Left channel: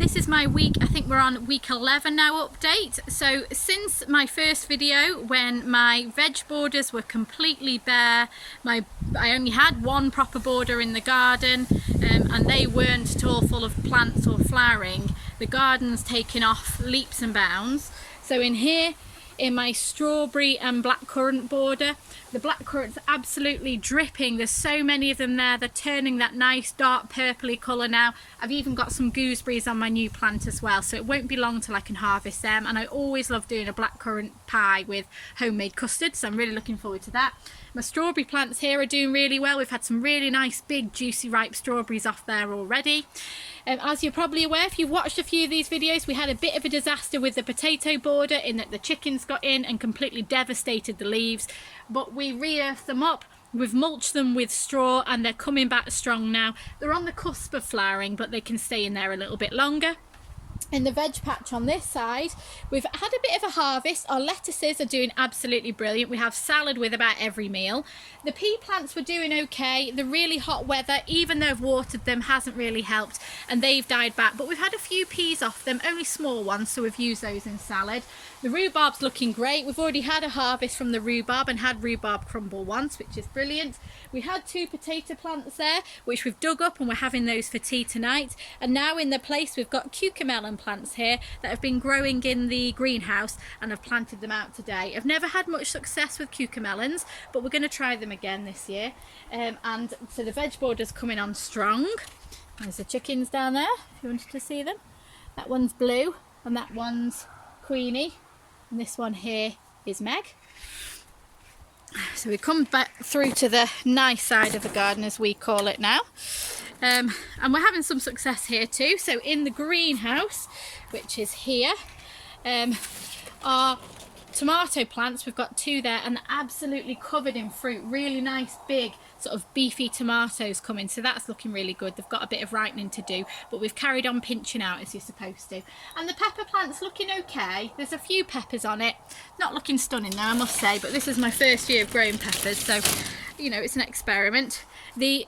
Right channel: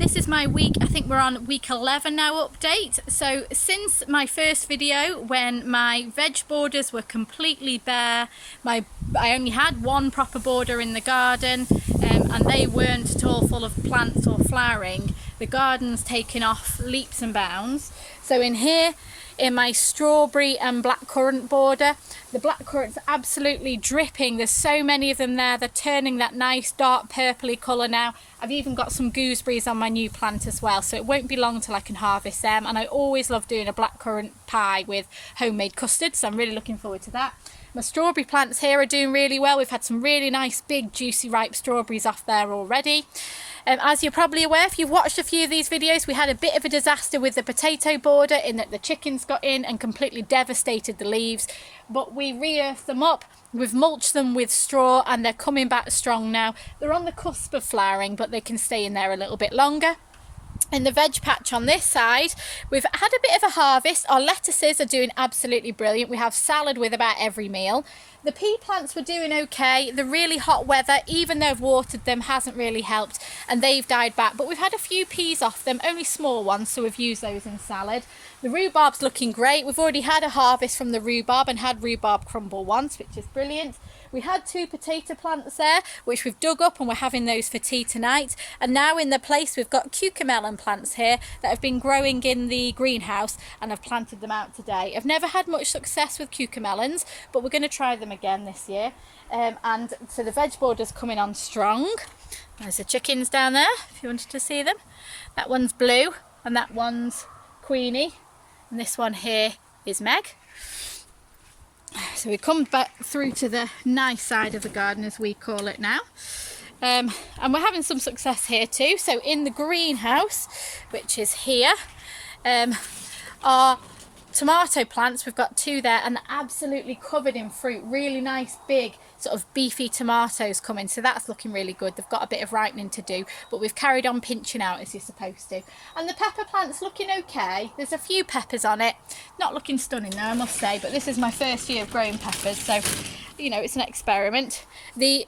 This is my week, I think we're on week 11 now update. So since my first video when my veg borders were completely bare, I only had one proper border in the garden and they weren't at all full of plants or flowering, the garden's taken off leaps and bounds. So in here, in my strawberry and blackcurrant border, the blackcurrant's absolutely dripping. There's so many of them there. They're turning that nice dark purpley colour now. I've even got some gooseberries on my new plant as well, so it won't be long till I can harvest them. And I always love doing a blackcurrant pie with homemade custard, so I'm really looking forward to that. My strawberry plants here are doing really well. We've had some really nice big juicy ripe strawberries off there already. As you're probably aware, if you've watched a few of these videos, we had a bit of a disaster with the potato border in that the chickens got in and completely devastated the leaves, but we re-earthed them up. We've mulched them with straw and they're coming back strong now. They're on the cusp of flowering, but they can stay in there a little bit longer. In the veg patch on this side, we've had a bit of a harvest. Our lettuces are doing absolutely brilliant. We have salad with about every meal. The pea plants were doing okay. The really hot weather, even though I've watered them, hasn't really helped and they've died back. But we've had a few peas off them, only small ones, so we've used those in salad. The rhubarb's looking great. We've already had a harvest from the rhubarb and had rhubarb crumble once, which is brilliant. We had 2 potato plants there, which we've dug up and we're having those for tea tonight. And now in their place, we've got Jefcoate-Malam plants here that have been growing in the greenhouse and I've planted them out today. I've never had much success with Jefcoate-Malams, but we're going to try them again this year. And so the veg border's coming on strong. There's the chickens down there, if you wanted to see them. That one's Blue and that one's Queenie. And this one here is Meg. So we come back through to the nice side of the garden, as we call it now. And we're having some success here too. So in the greenhouse, which is here, our tomato plants, we've got 2 there and they're absolutely covered in fruit. Really nice big sort of beefy tomatoes coming, so that's looking really good. They've got a bit of ripening to do, but we've carried on pinching out as you're supposed to. And the pepper plant's looking okay. There's a few peppers on it, not looking stunning now I must say, but this is my first year of growing peppers, so you know, it's an experiment. The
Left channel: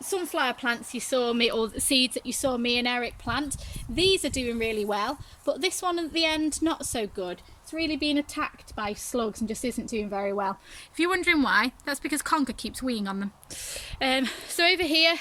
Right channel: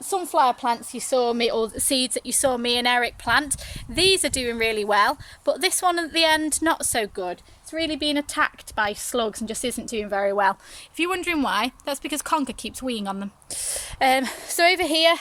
sunflower plants you saw me, or the seeds that you saw me and Eric plant, these are doing really well, but this one at the end not so good. It's really been attacked by slugs and just isn't doing very well. If you're wondering why, that's because Conker keeps weeing on them. So over here,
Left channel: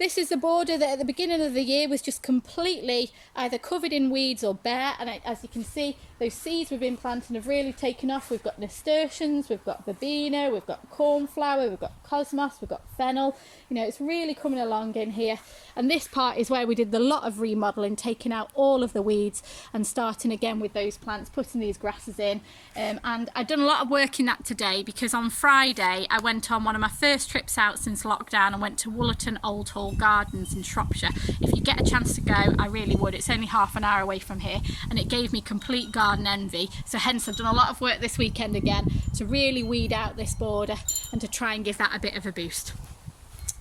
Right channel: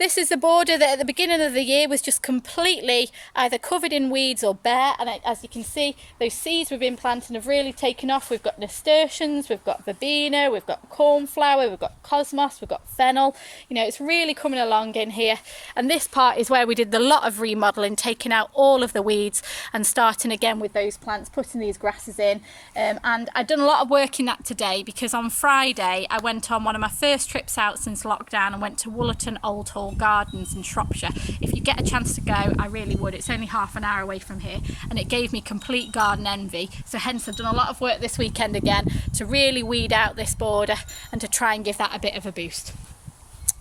this is the border that at the beginning of the year was just completely either covered in weeds or bare, and as you can see, those seeds we've been planting have really taken off. We've got nasturtiums, we've got verbena, we've got cornflower, we've got cosmos, we've got fennel. You know, it's really coming along in here. And this part is where we did a lot of remodeling, taking out all of the weeds and starting again with those plants, putting these grasses in. And I've done a lot of work in that today because on Friday I went on one of my first trips out since lockdown and went to Woollerton Old Hall Gardens in Shropshire. If you get a chance to go, I really would. It's only half an hour away from here and it gave me complete garden envy. So hence I've done a lot of work this weekend again to really weed out this border and to try and give that a bit of a boost.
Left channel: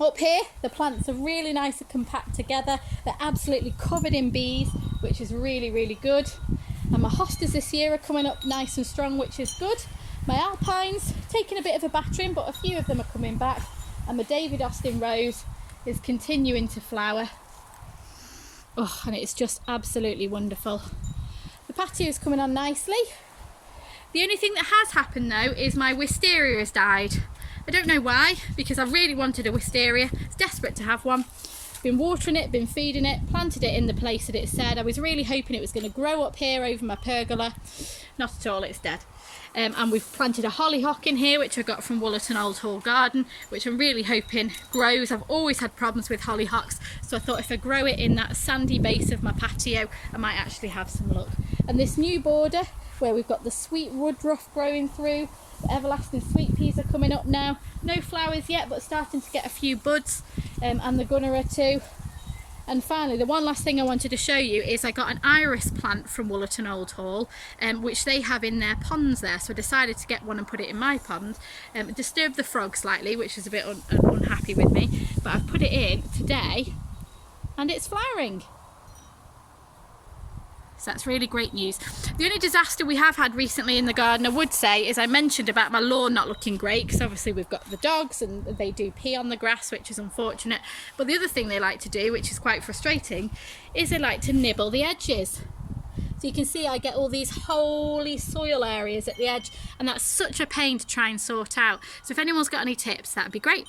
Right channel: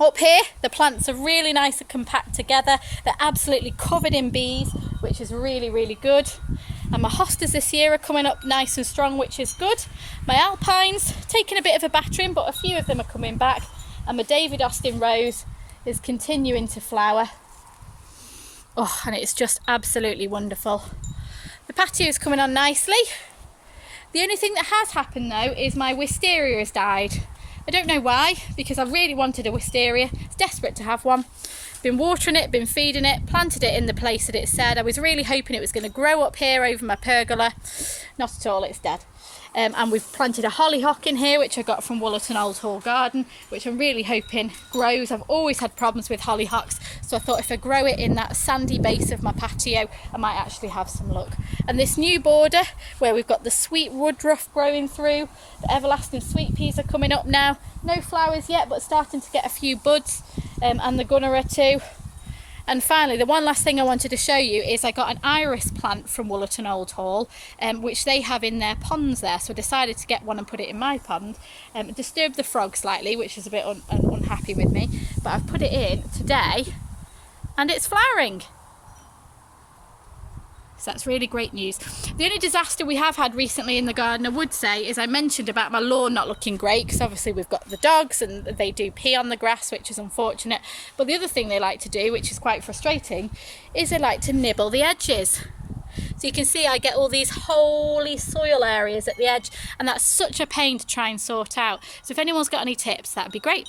Up here, the plants are really nice and compact together. They're absolutely covered in bees, which is really, really good. And my hostas this year are coming up nice and strong, which is good. My alpines, taking a bit of a battering, but a few of them are coming back. And my David Austin rose is continuing to flower. Oh, and it's just absolutely wonderful. The patio is coming on nicely. The only thing that has happened though is my wisteria has died. I don't know why, because I really wanted a wisteria. I was desperate to have one. Been watering it, been feeding it, planted it in the place that it said. I was really hoping it was going to grow up here over my pergola. Not at all, it's dead. And we've planted a hollyhock in here, which I got from Woollerton Old Hall Garden, which I'm really hoping grows. I've always had problems with hollyhocks, so I thought if I grow it in that sandy base of my patio, I might actually have some luck. And this new border, where we've got the sweet woodruff growing through, the everlasting sweet peas are coming up now. No flowers yet, but starting to get a few buds, and the gunnera too. And finally, the one last thing I wanted to show you is I got an iris plant from Woollerton Old Hall, which they have in their ponds there. So I decided to get one and put it in my pond. It disturbed the frog slightly, which was a bit unhappy with me. But I've put it in today and it's flowering. that's really great news. The only disaster we have had recently in the garden, I would say, is I mentioned about my lawn not looking great, because obviously we've got the dogs and they do pee on the grass, which is unfortunate. But the other thing they like to do, which is quite frustrating, is they like to nibble the edges. So you can see I get all these holy soil areas at the edge, and that's such a pain to try and sort out. So if anyone's got any tips, that'd be great.